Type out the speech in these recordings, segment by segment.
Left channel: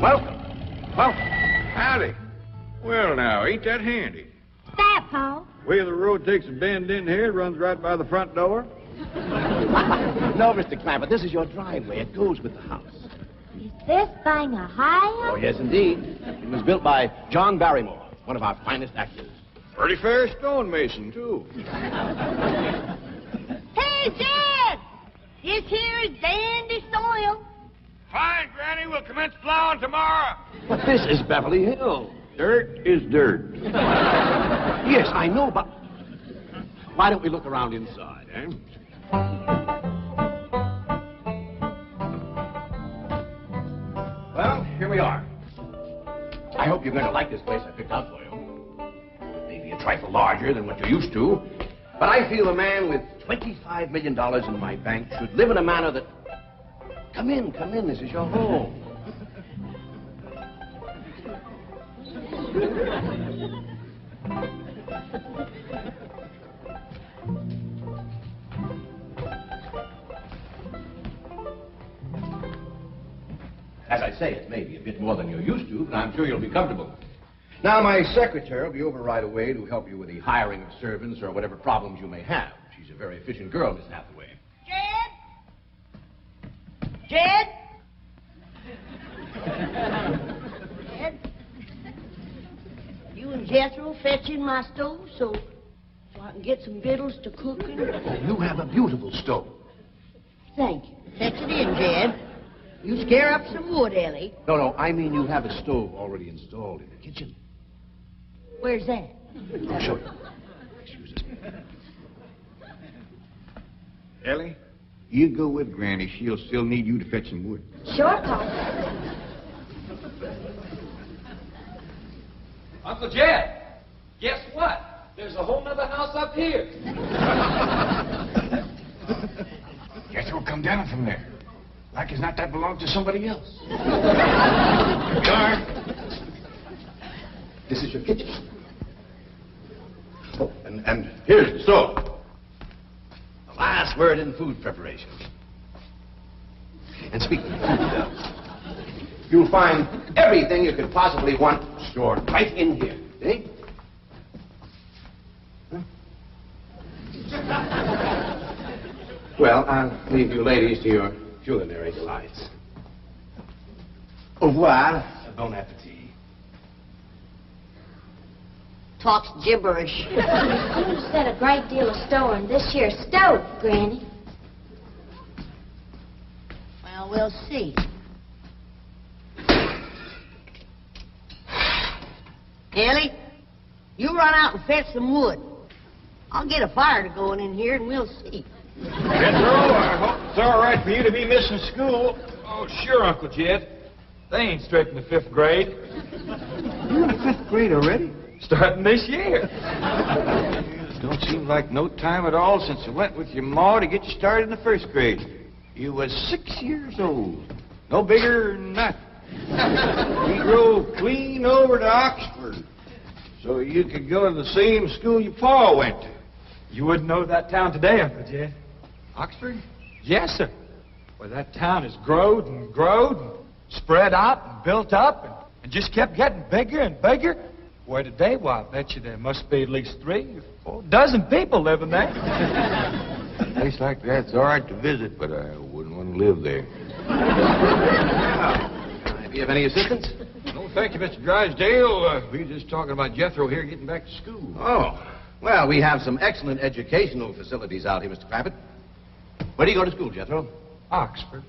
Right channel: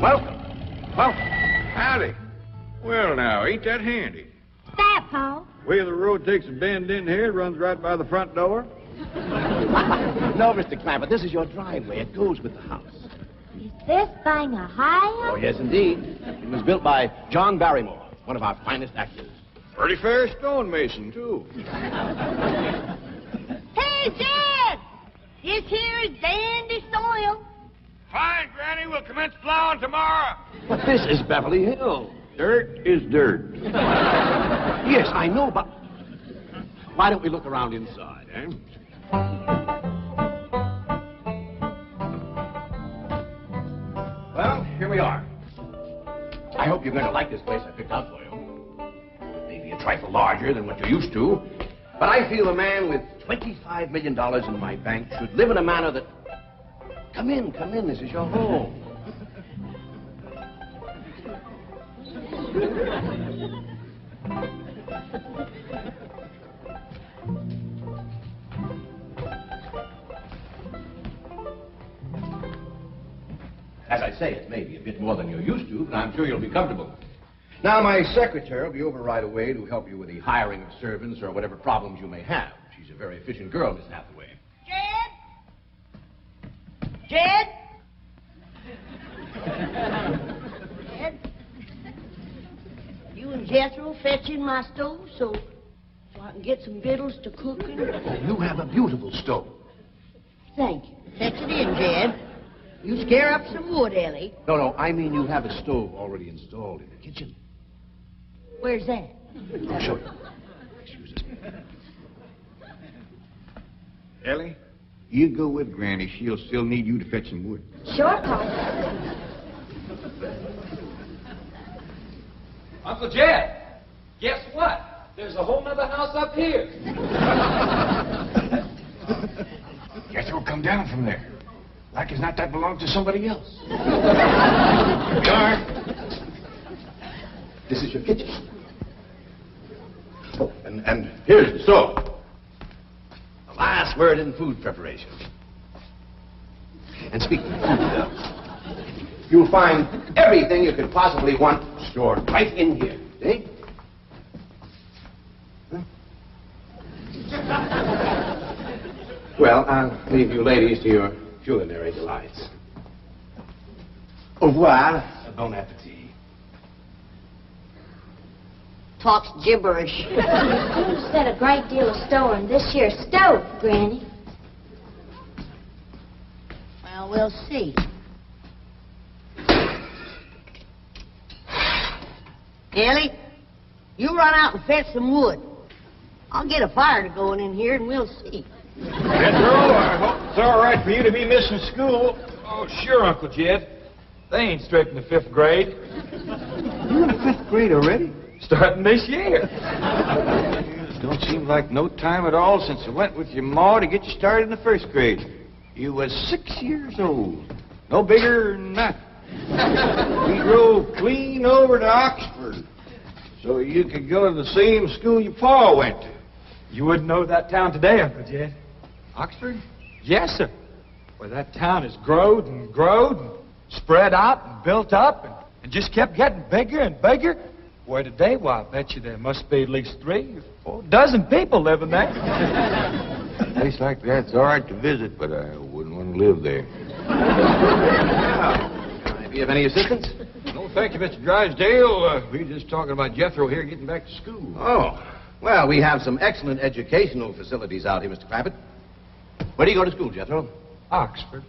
Welcome. Welcome. Howdy. Well, now, ain't that handy? That, Paul? Way the road takes a bend in here, runs right by the front door. No, Mr. Clampett, this is your driveway. It goes with the house. Is this thing a high Oh, yes, indeed. It was built by John Barrymore, one of our finest actors. Pretty fair stonemason, too. Hey, Jed! This here is dandy soil. Fine, Granny. We'll commence plowing tomorrow. But this is Beverly Hills. Dirt is dirt. Yes, I know, but why don't we look around inside, eh? Well, here we are. I hope you're going to like this place I picked out for you. Maybe a trifle larger than what you're used to, but I feel a man with $25 million in my bank should live in a manner that... Come in, this is your home. As I say, it may be a bit more than you're used to, but I'm sure you'll be comfortable. Now, my secretary will be over right away to help you with the hiring of servants or whatever problems you may have. She's a very efficient girl, Miss Hathaway. Jed? Jed? You and Jethro fetching my stove so I can get some victuals to cook in? You have a beautiful stove. Thank you. Fetch it in, Jed. You scare up some wood, Ellie. No, I mean you have a stove already installed in the kitchen. Where's that? I'll show you. Excuse us. Ellie, you go with Granny. She'll still need you to fetch some wood. Sure, Paul. Uncle Jed, guess what? There's a whole nother house up here. Guess we'll come down from there. Like as not, that belongs to somebody else. Darn. This is your kitchen. Oh, and here's the stove. The last word in food preparation. And speaking of food, you'll find everything you could possibly want stored right in here. See? Huh? Well, I'll leave you ladies to your culinary delights. Au revoir. Bon appetit. Talks gibberish. You said a great deal of store in this here stove, Granny. Well, we'll see. Ellie, you run out and fetch some wood. I'll get a fire to going in here and we'll see. Jethro, I hope it's all right for you to be missing school. Oh, sure, Uncle Jed. They ain't straight in the 5th grade. You in the 5th grade already? Starting this year. It don't seem like no time at all since I went with your ma to get you started in the 1st grade. You was 6 years old. No bigger than that. We drove clean over to Oxford so you could go to the same school your pa went to. You wouldn't know that town today, Uncle Jed. Oxford? Yes, sir. Well, that town has growed and growed and spread out and built up and just kept getting bigger and bigger. Where today, why, I bet you there must be at least 3 or 4 dozen people living there. A place like that's all right to visit, but I wouldn't want to live there. Do you have any assistance? No, thank you, Mr. Drysdale. We were just talking about Jethro here getting back to school. Oh, well, we have some excellent educational facilities out here, Mr. Clampett. Where do you go to school, Jethro? Oxford.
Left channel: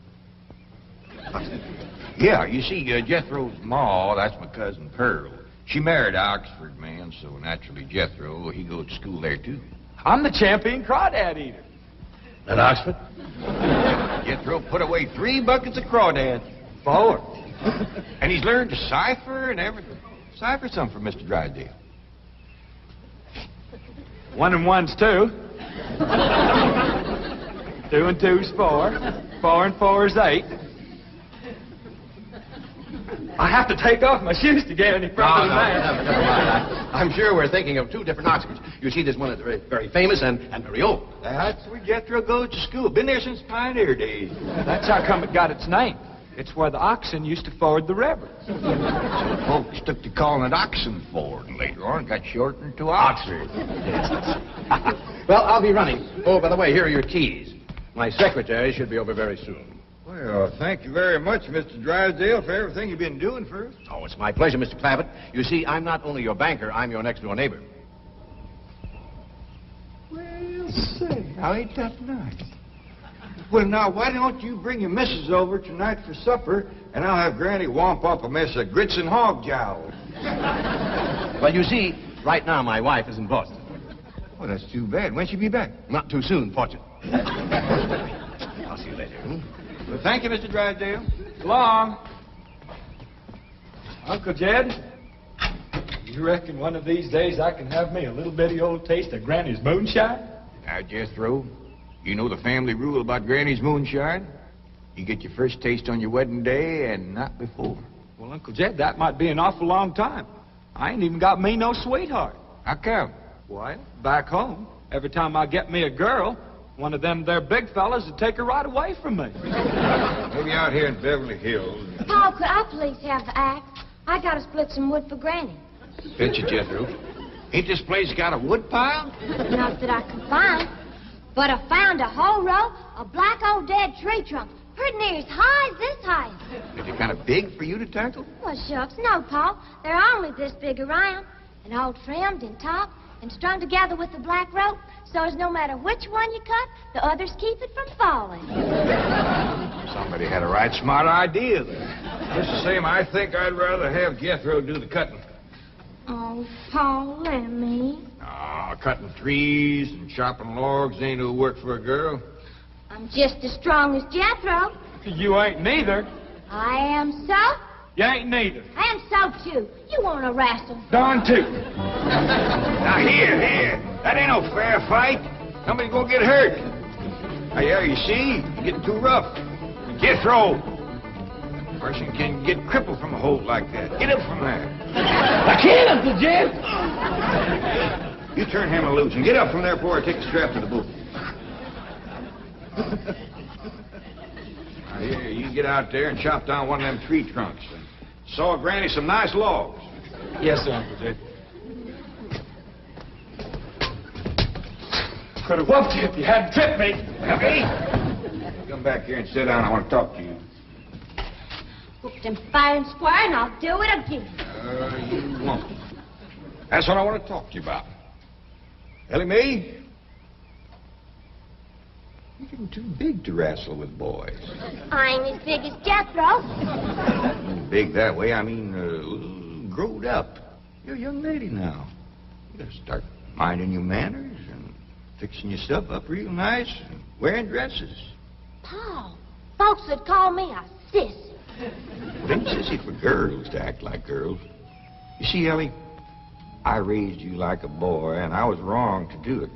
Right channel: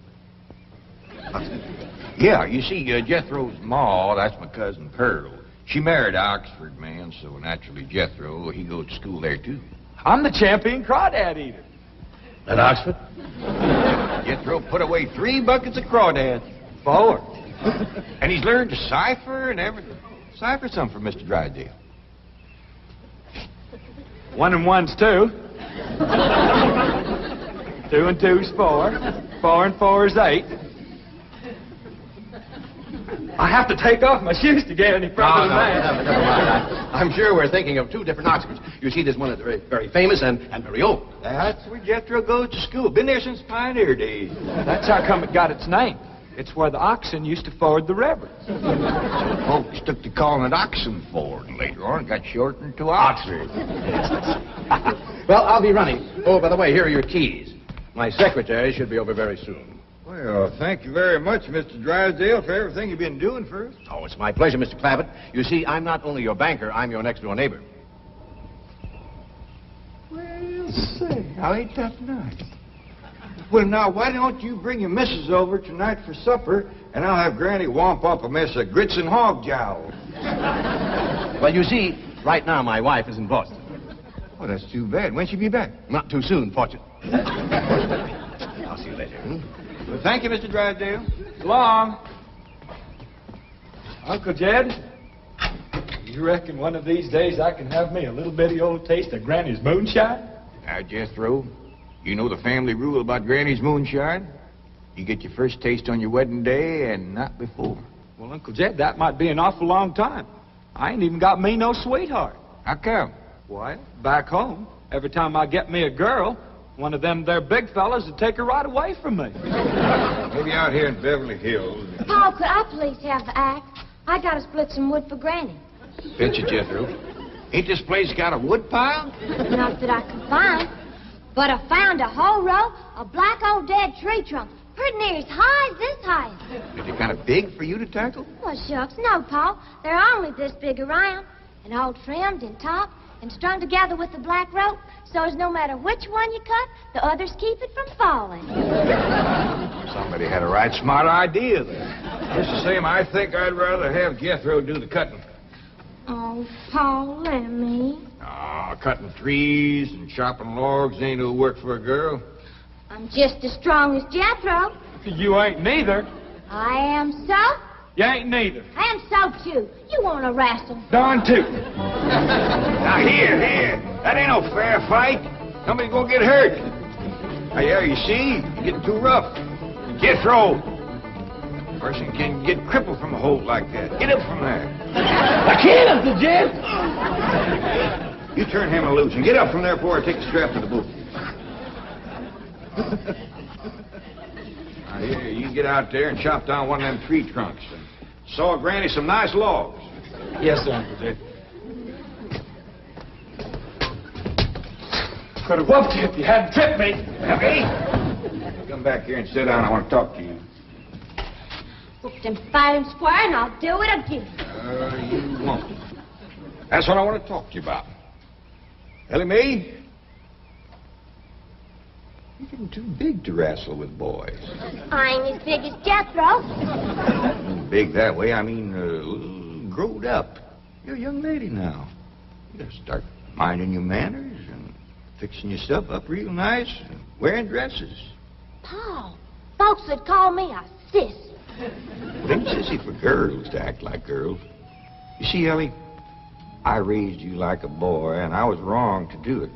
Yeah, you see, Jethro's ma, that's my cousin Pearl. She married an Oxford man, so naturally Jethro, he goes to school there, too. I'm the champion crawdad eater. At Oxford? Jethro put away 3 buckets of crawdads. 4. And he's learned to cipher and everything. Cipher some for Mr. Drysdale. 1 and 1's 2. 2 and 2's 4. 4 and 4's 8. I have to take off my shoes to get any further than that. Never mind. I'm sure we're thinking of 2 different Oxfords. You see, there's one that's very, very famous and very old. That's where Jethro goes to school. Been there since pioneer days. That's how come it got its name. It's where the oxen used to ford the river. So folks took to calling it Oxenford, and later on it got shortened to Oxford. Well, I'll be running. Oh, by the way, here are your keys. My secretary should be over very soon. Well, thank you very much, Mr. Drysdale, for everything you've been doing for us. Oh, it's my pleasure, Mr. Clavitt. You see, I'm not only your banker, I'm your next-door neighbor. Well, say, now ain't that nice? Well, now, why don't you bring your missus over tonight for supper, and I'll have Granny womp up a mess of grits and hog jowl. Well, you see, right now my wife is in Boston. Well, that's too bad. When'll she be back? Not too soon, fortunately. I'll see you later. Well, thank you, Mr. Drysdale. So long. Uncle Jed, you reckon one of these days I can have me a little bitty old taste of Granny's moonshine? Now, Jethro, you know the family rule about Granny's moonshine? You get your first taste on your wedding day and not before. Well, Uncle Jed, that might be an awful long time. I ain't even got me no sweetheart. How come? Well, back home, every time I get me a girl, one of them there big fellas would take her right away from me. Maybe out here in Beverly Hills. Paul, could I please have the axe? I gotta split some wood for Granny. Fetch it, Jethro. Ain't this place got a wood pile? Not that I can find. But I found a whole row of black old dead tree trunks, pretty near as high as this height. Is it kind of big for you to tackle? Well, shucks, no, Paul. They're only this big around, and all trimmed and topped and strung together with the black rope, so as no matter which one you cut, the others keep it from falling. Somebody had a right smart idea there. Just the same, I think I'd rather have Jethro do the cutting. Oh, Paul, let me. Ah, cutting trees and chopping logs ain't no work for a girl. I'm just as strong as Jethro. You ain't neither. I am so. You ain't neither. I am so, too. You want to wrestle? Darn too. Now, here. That ain't no fair fight. Somebody's gonna get hurt. Now, yeah, you see, you're getting too rough. Jethro. A person can get crippled from a hold like that. Get up from there. I can't, Uncle Jed. You turn him loose and get up from there before I take the strap to the boot. Now, here, you get out there and chop down one of them tree trunks and saw Granny some nice logs. Yes, sir, Uncle Jed. Could have whooped you if you hadn't tripped me. Hey, come back here and sit down. I want to talk to you. Whooped him fair and square, and I'll do it again. You won't. That's what I want to talk to you about. Ellie May, you're getting too big to wrestle with boys. I ain't as big as Jethro. Big that way, I mean, growed up. You're a young lady now. You gotta start minding your manners and fixing your stuff up real nice and wearing dresses. Paul, folks would call me a sis. It ain't sissy for girls to act like girls. You see, Ellie, I raised you like a boy, and I was wrong to do it.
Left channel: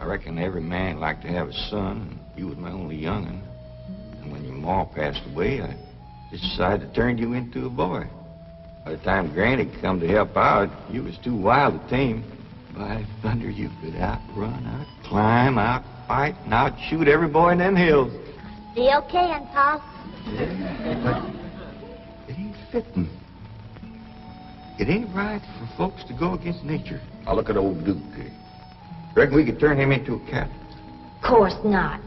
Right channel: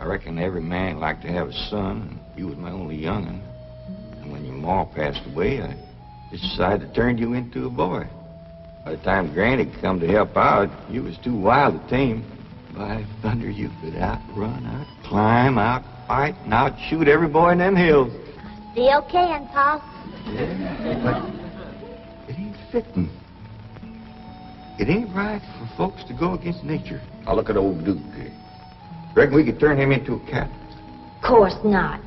I reckon every man liked to have a son, and you was my only young'un. And when your ma passed away, I just decided to turn you into a boy. By the time Granny come to help out, you was too wild to tame. By thunder, you could outrun, out-climb, out-fight, and out-shoot every boy in them hills. Still can, Paul. Yeah, but it ain't fitting. It ain't right for folks to go against nature. Now look at old Duke. Reckon we could turn him into a cat? Of course not.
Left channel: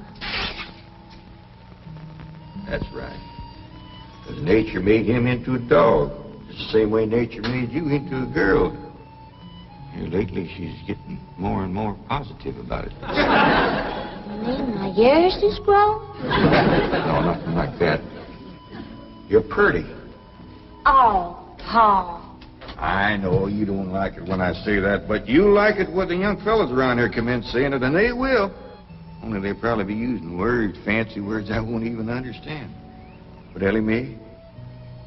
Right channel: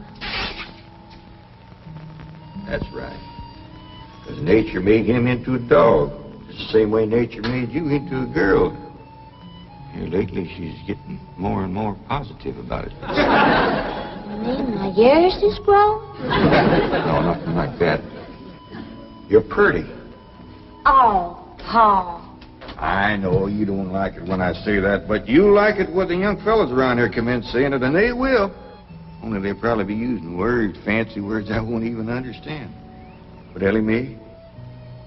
That's right. Because nature made him into a dog. It's the same way nature made you into a girl. Here lately, she's getting more and more positive about it. You mean my ears is grown? No, nothing like that. You're pretty. Oh, Paul. I know you don't like it when I say that, but you like it when the young fellas around here come in saying it, and they will. Only they'll probably be using words, fancy words I won't even understand. But Ellie May,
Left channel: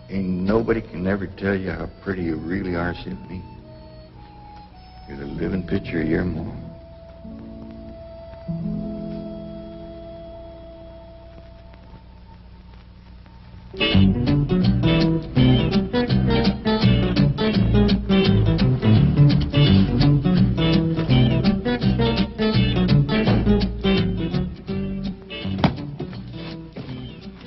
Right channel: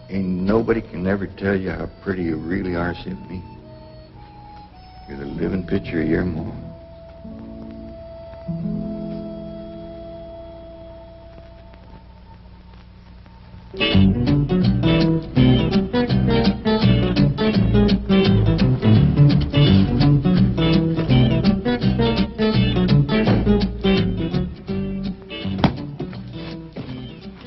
ain't nobody can ever tell you how pretty you really are except me. You're the living picture of your mom.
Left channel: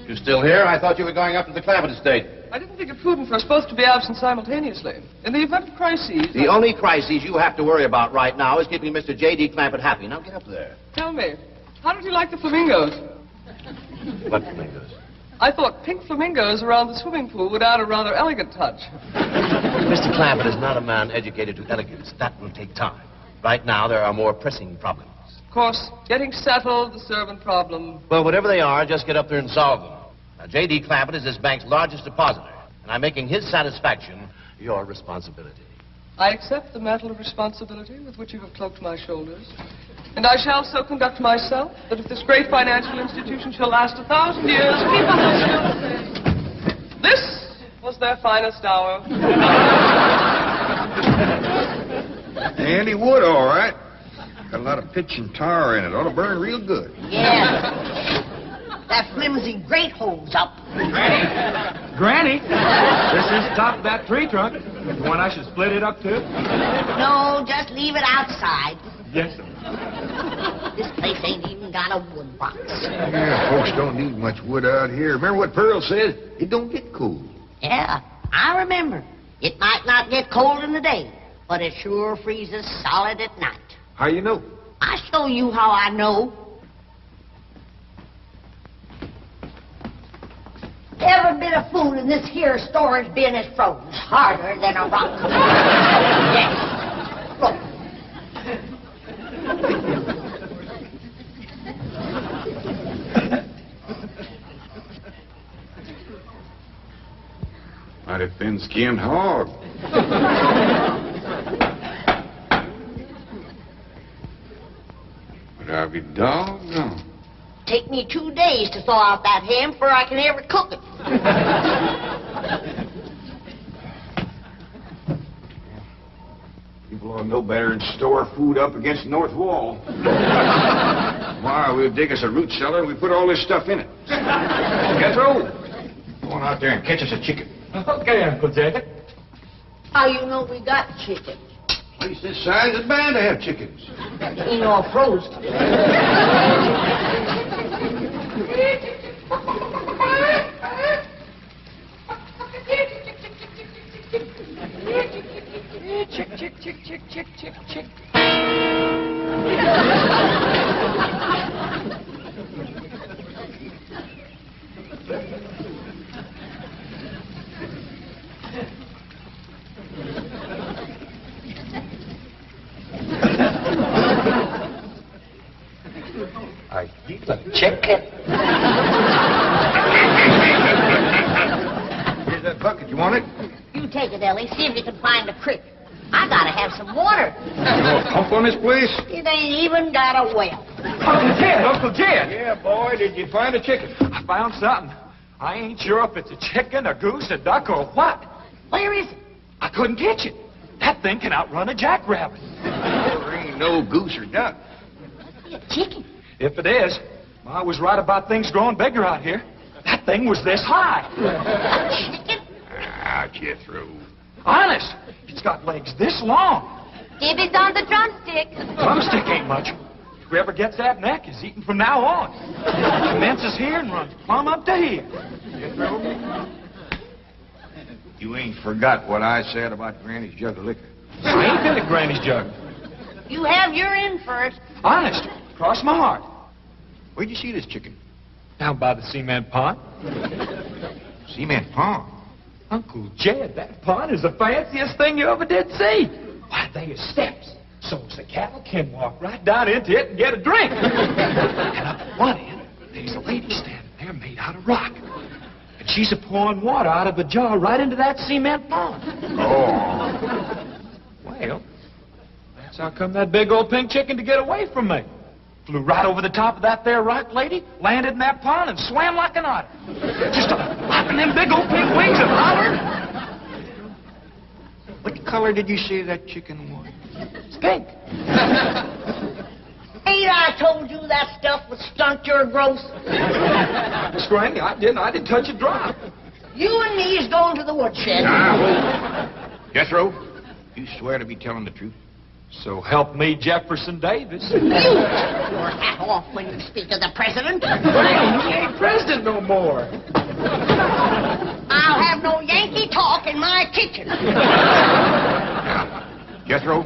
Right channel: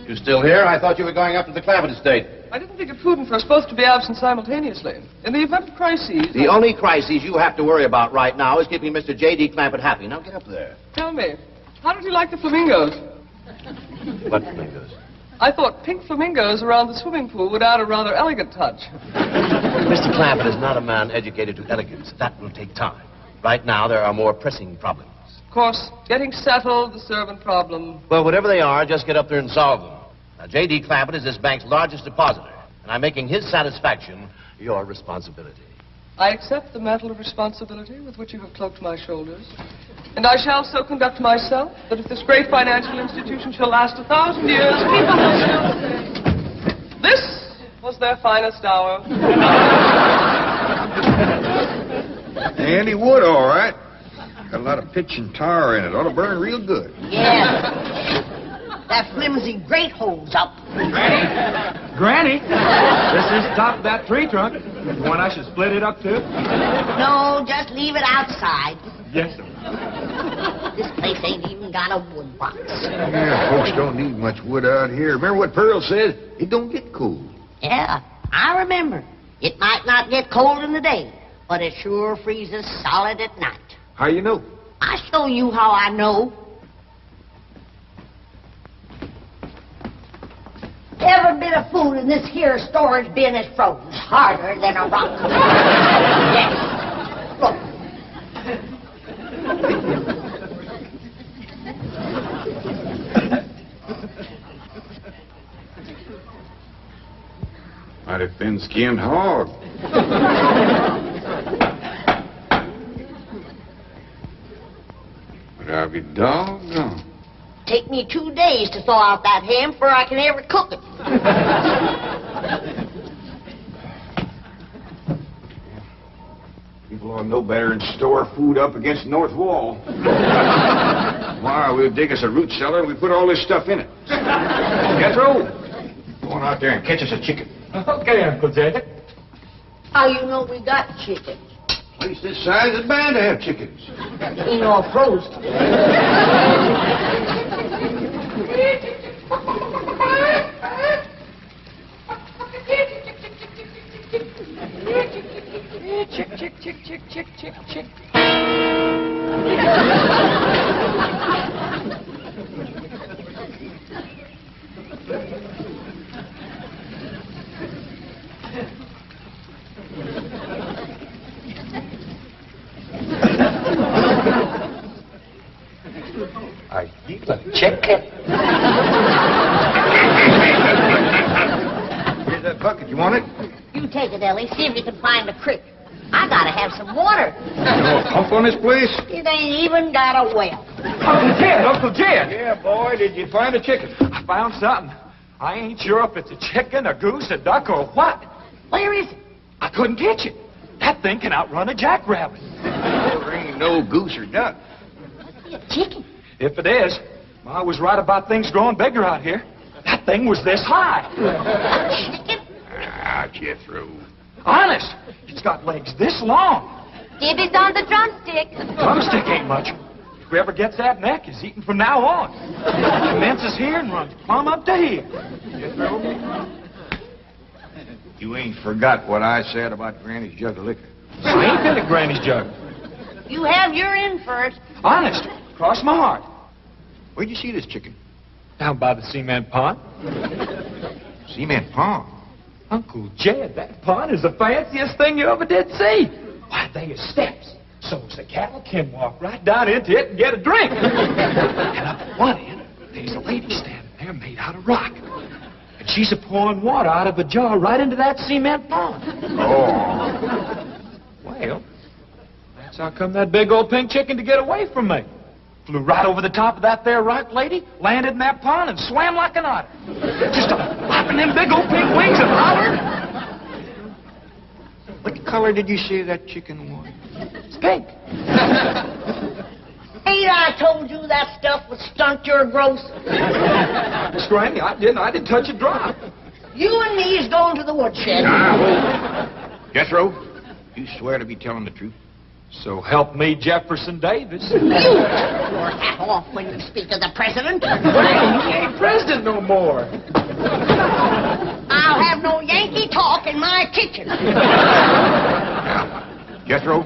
You still here? here. I thought you were going up to the Clampett estate. I didn't think it prudent for us both to be absent simultaneously. In the event of crises... The only crises you have to worry about right now is keeping Mr. J.D. Clampett happy. Now get up there. Tell me, how did you like the flamingos? What flamingos? I thought pink flamingos around the swimming pool would add a rather elegant touch. Mr. Clampett is not a man educated to elegance. That will take time. Right now, there are more pressing problems. Of course, getting settled, the servant problem. Well, whatever they are, just get up there and solve them. Now, J.D. Clampett is this bank's largest depositor, and I'm making his satisfaction your responsibility. I accept the mantle of responsibility with which you have cloaked my shoulders. And I shall so conduct myself that if this great financial institution shall last 1,000 years, people will still say, this was their finest hour. Handy wood, all right. Got a lot of pitch and tar in it. Ought to burn real good. Yeah. That flimsy grate holds up. Granny, this is top of that tree trunk. You want I should split it up too? No, just leave it outside. Yes, sir. This place ain't even got a wood box. Yeah, folks don't need much wood out here. Remember what Pearl said? It don't get cold. Yeah, I remember. It might not get cold in the day, but it sure freezes solid at night. How you know? I'll show you how I know. Every bit of food in this here storage bin is frozen harder than a rock. Yes. Look. Mighty thin-skinned hog. But I'll be doggone. Take me 2 days to thaw out that ham before I can ever cook it. People ought to know better than store food up against the north wall. Tomorrow we'll dig us a root cellar and we put all this stuff in it. Jethro, go on out there and catch us a chicken. Okay, Uncle Jay. How you know we got chicken? Place this size is bound to have chickens. Ain't all frozen. Chick, chick, chick, chick, chick, chick, chick. Are you a chicken? Here's that bucket. You want it? You take it, Ellie. See if you can find a creek. I gotta have some water. You know a pump on this place? It ain't even got a well. Uncle Jed, Uncle Jed. Yeah, boy, did you find a chicken? I found something. I ain't sure if it's a chicken, a goose, a duck, or what. Where is it? I couldn't catch it. That thing can outrun a jackrabbit. There ain't no goose or duck. Must be a chicken. If it is, Ma was right about things growing bigger out here. That thing was this high. A chicken? Ah, Jethro. Honest, it's got legs this long. Gibby's on the drumstick. Drumstick ain't much. Whoever gets that neck is eating from now on. It commences here and runs plumb up to here. Jethro, you ain't forgot what I said about Granny's jug of liquor. I ain't been to Granny's jug. You have your in first. Honest, cross my heart. Where'd you see this chicken? Down by the cement pond. Cement pond. Uncle Jed, that pond is the fanciest thing you ever did see. Why, they are steps. So's the cattle can walk right down into it and get a drink. And up at one end, there's a lady standing there made out of rock. And she's a-pouring water out of a jar right into that cement pond. Oh. Well, that's how come that big old pink chicken to get away from me. Flew right over the top of that there rock lady, landed in that pond, and swam like an otter. Just flapping them big old pink wings and hollered. What color did you say that chicken was? It's pink. Ain't I told you that stuff would stunt your growth? Miss Granny, I didn't touch a drop. You and me is going to the woodshed. Jethro, you swear to be telling the truth? So help me, Jefferson Davis. You take your hat off when you speak of the president. He ain't president no more. I'll have no Yankee talk in my kitchen. Now, Jethro,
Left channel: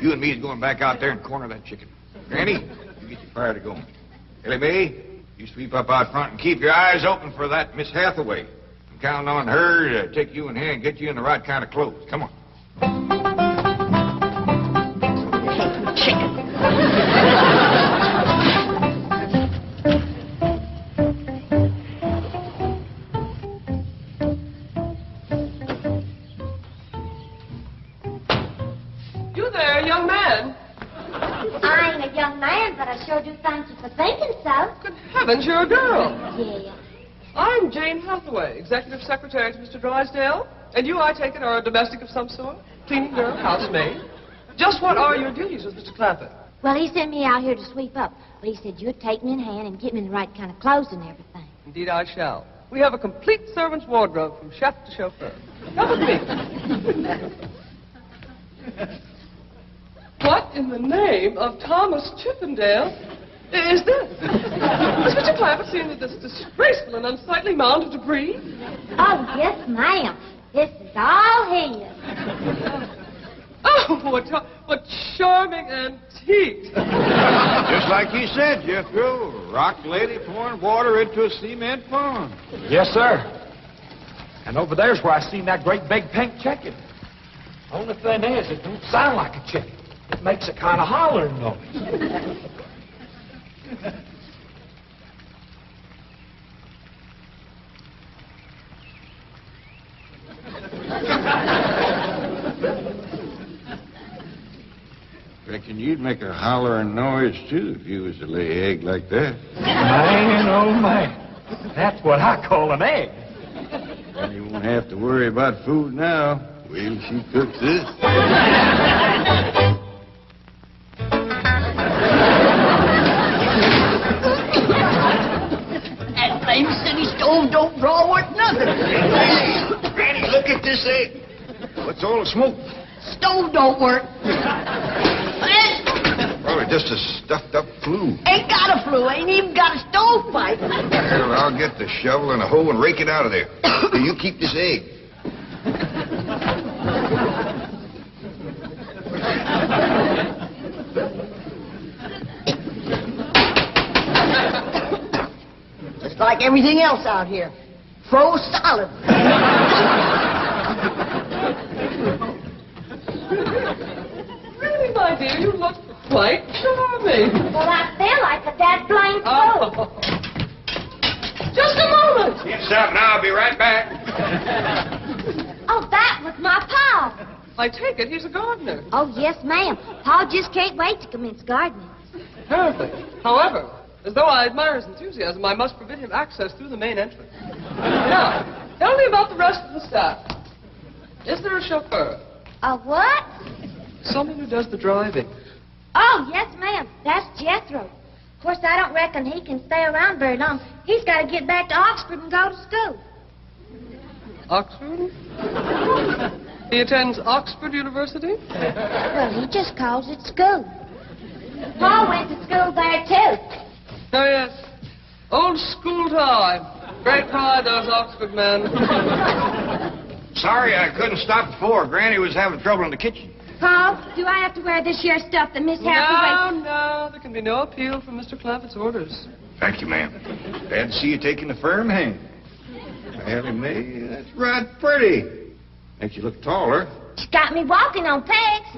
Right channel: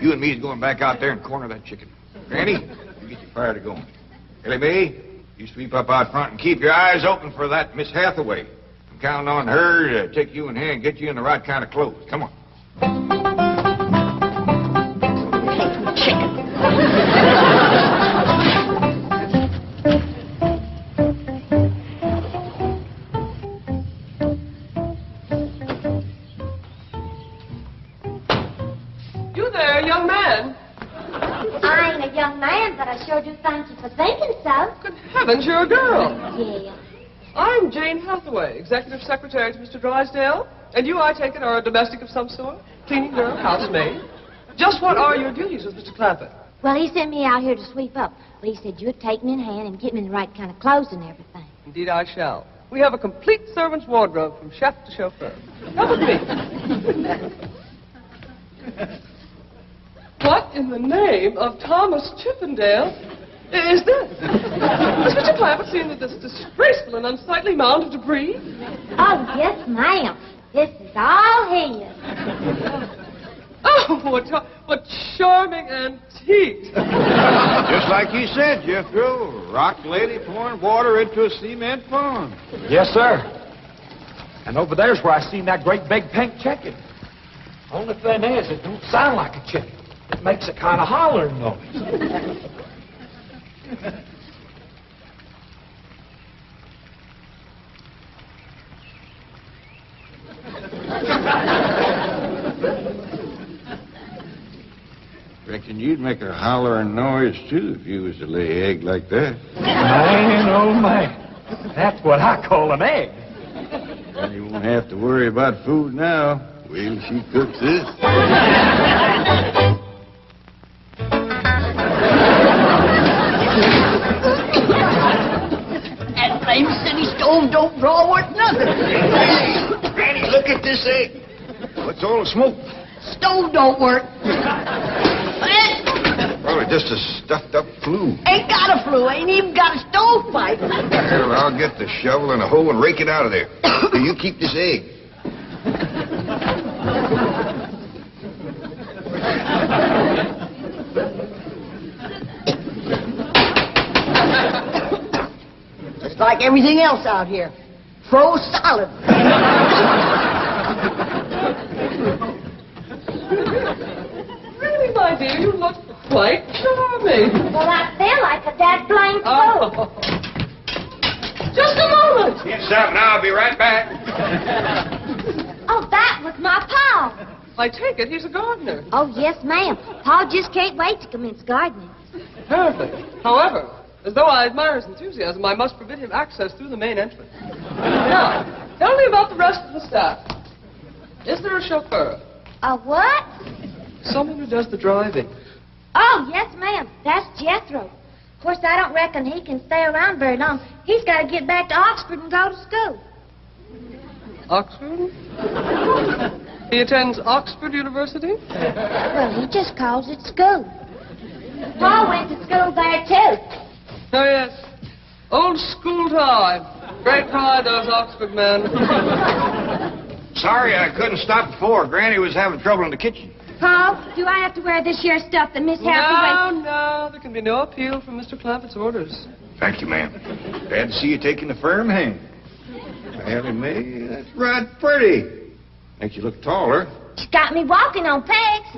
you and me is going back out there and corner that chicken. Granny, you get your fire to going. Ellie May, you sweep up out front and keep your eyes open for that Miss Hathaway. I'm counting on her to take you in hand and get you in the right kind of clothes. Come on. Chicken. You there, young man? I ain't a young man, but I sure do thank you for thinking so. Good heavens, you're a girl. Yeah. I'm Jane Hathaway, executive secretary to Mr. Drysdale. And you, I take it, are a domestic of some sort? Cleaning girl, housemaid? Just what are your duties with Mr. Clampett? Well, he sent me out here to sweep up. But he said you'd take me in hand and get me in the right kind of clothes and everything. Indeed, I shall. We have a complete servant's wardrobe from chef to chauffeur. Come with me. What in the name of Thomas Chippendale is this? Has Mr. Clampett seen this disgraceful and unsightly mound of debris? Oh, yes, ma'am. This is all his. Oh, what charming antiques. Just like you said, Jethro. Rock lady pouring water into a cement pond. Yes, sir. And over there's where I seen that great big pink chicken. Only thing is, it don't sound like a chicken. It makes a kind of hollering noise. Reckon you'd make a hollering noise, too, if you was to lay an egg like that. Man, oh, man. That's what I call an egg. And you won't have to worry about food now. Wait till she cooks this. That flame city stove don't draw worth nothing. Granny, look at this egg. What's all the smoke? Stove don't work. Probably just a stuffed-up flue. Ain't got a flue. Ain't even got a stovepipe. Well, I'll get the shovel and a hoe and rake it out of there. Here, you keep this egg. Just like everything else out here. Froze solid. Really, my dear, you look quite charming. Well, I feel like a dead blame fool. Oh. Just a moment. Get something, I'll be right back. Oh, that was my Pa. I take it he's a gardener. Oh, yes, ma'am. Pa just can't wait to commence gardening. Perfect. However, as though I admire his enthusiasm, I must forbid him access through the main entrance. Now, tell me about the rest of the staff. Is there a chauffeur? A what? Someone who does the driving. Oh, yes, ma'am. That's Jethro. Of course, I don't reckon he can stay around very long. He's got to get back to Oxford and go to school. Oxford? He attends Oxford University? Well, he just calls it school. Pa went to school there, too. Oh, yes. Old school time. Great pride, those Oxford men. Sorry I couldn't stop before. Granny was having trouble in the kitchen. Pa, do I have to wear this here stuff that Miss Hathaway... No, there can be no appeal from Mr. Clampett's orders. Thank you, ma'am. Glad to see you taking a firm hand. Ellie May, that's right pretty. Makes you look taller. She's got me walking on pegs.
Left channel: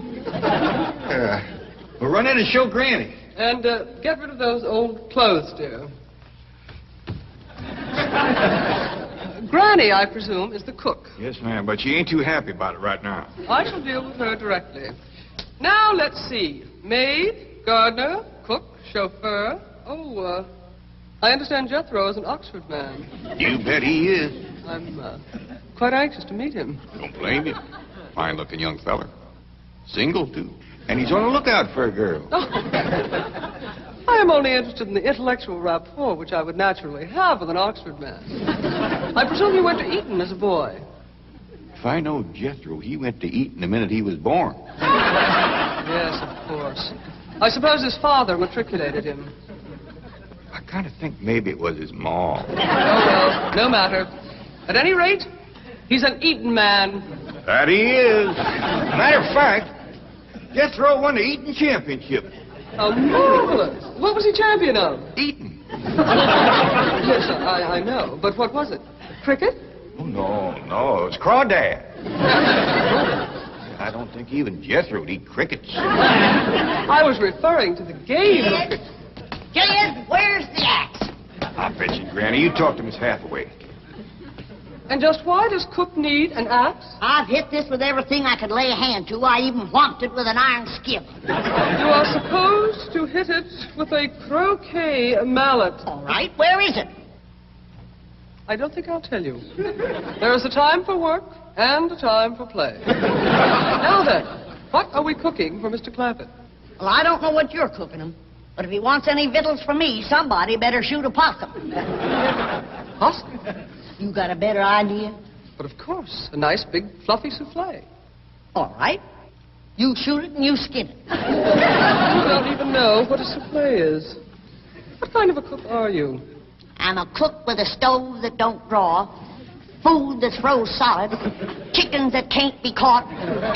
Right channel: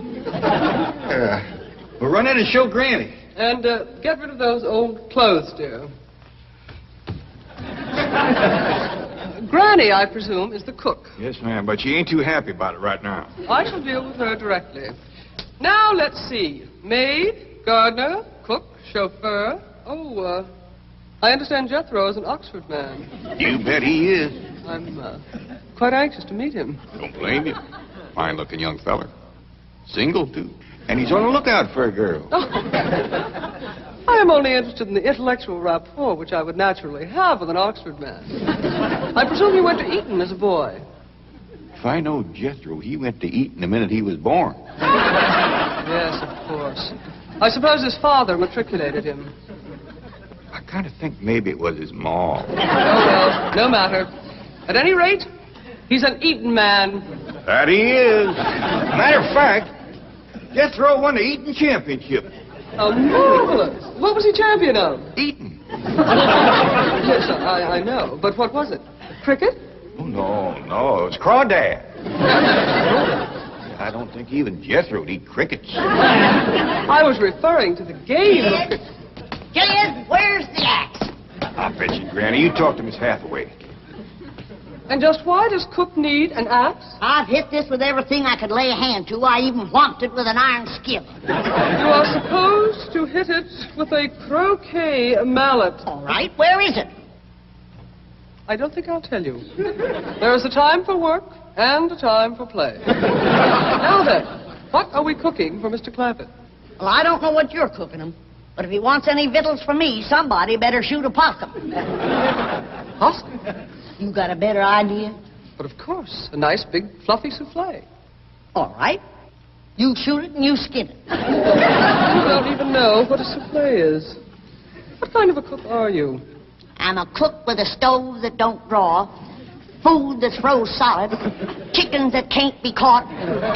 We'll run in and show Granny. And get rid of those old clothes, dear. Granny, I presume, is the cook. Yes, ma'am, but she ain't too happy about it right now. I shall deal with her directly. Now, let's see. Maid, gardener, cook, chauffeur. Oh, I understand Jethro is an Oxford man. You bet he is. I'm quite anxious to meet him. Don't blame you. Fine-looking young feller. Single, too. And he's on the lookout for a girl. I am only interested in the intellectual rapport which I would naturally have with an Oxford man. I presume you went to Eton as a boy. If I know Jethro, he went to Eton the minute he was born. Yes, of course. I suppose his father matriculated him. I kind of think maybe it was his ma. Oh, well, no matter. At any rate, he's an eating man. That he is. Matter of fact, Jethro won the eating championship. Oh, marvelous. What was he champion of? Eating. Yes, I know. But what was it? Cricket? Oh, no, it was crawdad. I don't think even Jethro would eat crickets. I was referring to the game of Kids, kids, where's the axe? I bet you, Granny, you talk to Miss Hathaway. And just why does Cook need an axe? I've hit this with everything I could lay a hand to. I even whomped it with an iron skillet. You are supposed to hit it with a croquet mallet. All right, where is it? I don't think I'll tell you. There is a time for work and a time for play. Now then, what are we cooking for Mr. Clampett? Well, I don't know what you're cooking him, but if he wants any victuals from me, somebody better shoot a possum. Possum? You got a better idea? But of course, a nice big fluffy souffle. All right. You shoot it and you skin it. You don't even know what a souffle is. What kind of a cook are you? I'm a cook with a stove that don't draw, food that's froze solid, chickens that can't be caught,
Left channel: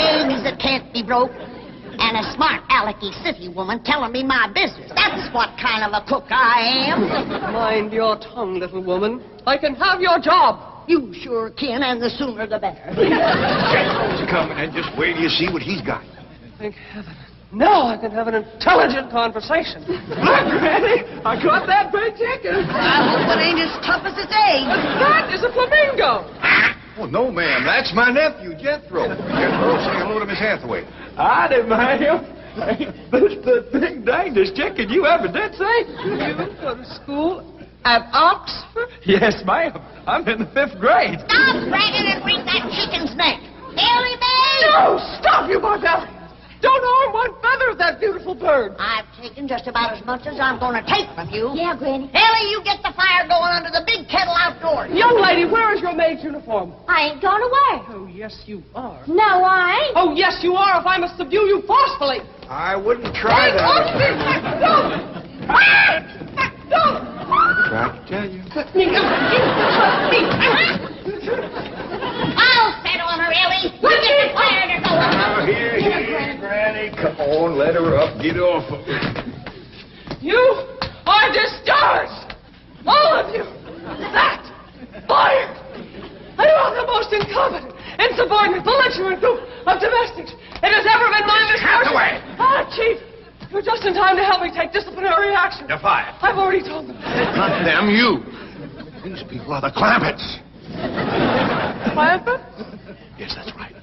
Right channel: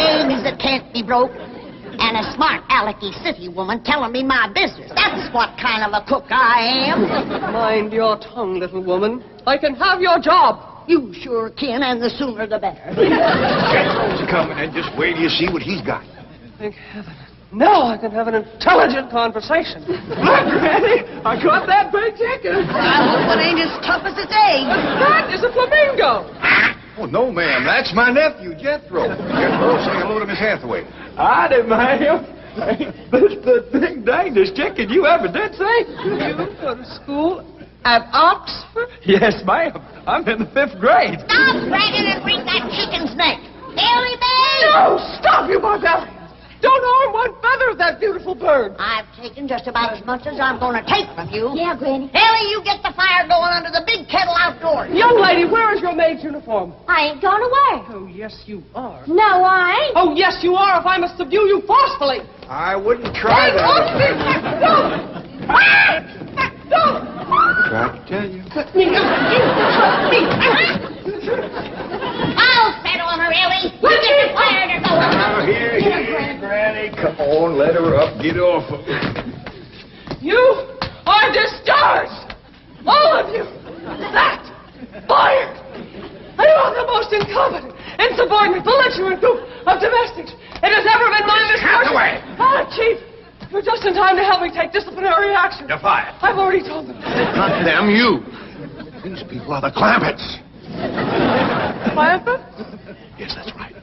eggs that can't be broke, and a smart alecky city woman telling me my business. That's what kind of a cook I am. Mind your tongue, little woman. I can have your job. You sure can, and the sooner the better. Jethro's coming, and just wait till you see what he's got. Thank heaven. Now I can have an intelligent conversation. Look, Granny, I caught that big chicken. I hope it ain't as tough as its egg. That is a flamingo. Oh, no, ma'am. That's my nephew, Jethro. Jethro, say hello to Miss Hathaway. Howdy, ma'am. That's the big dangest chicken you ever did see. You go to school at Oxford? Yes, ma'am. I'm in the 5th grade. Stop bragging and wring that chicken's neck. Ellie May! No, stop, you barbarian. Don't harm one feather of that beautiful bird. I've taken just about as much as I'm going to take from you. Yeah, Granny. Ellie, you get the fire going under the big kettle outdoors. Young lady, where is your maid's uniform? I ain't going to work. Oh, yes, you are. No, I ain't. Oh, yes, you are, if I must subdue you forcefully. I wouldn't try Hey, that. don't! Don't! Tried to tell you. I'll settle on her, Ellie. You get the fire to go. Now, here, Granny. Come on, let her up. Get off of her. You are discharged! All of you! That! Fired! I am the most incompetent, insubordinate, belligerent group of domestics it has ever been my misfortune. Hathaway! Ah, Chief! You're just in time to help me take disciplinary action. You're fired. I've already told them. Not them, you. These people are the Clampetts. Clampett? Yes, that's right.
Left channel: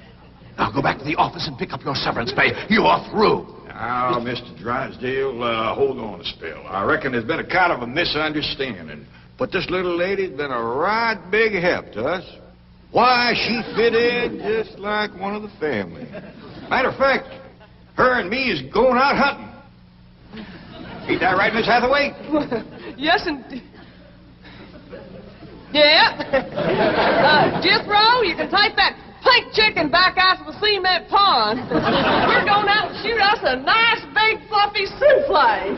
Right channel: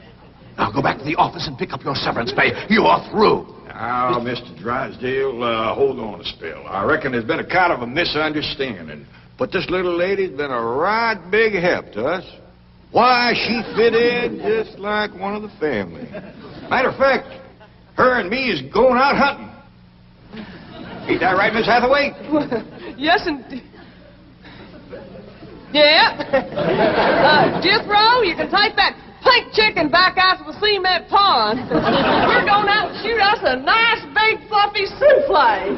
Now go back to the office and pick up your severance pay. You're through. Now, Mr. Drysdale, hold on a spell. I reckon there's been a kind of a misunderstanding. But this little lady's been a right big help to us. Why, she fit in just like one of the family. Matter of fact, her and me is going out hunting. Ain't that right, Miss Hathaway? Yes, indeed. Yeah. Jethro, you can take that pink chicken back out to the cement pond. We're going out and shoot us a nice big fluffy souffle.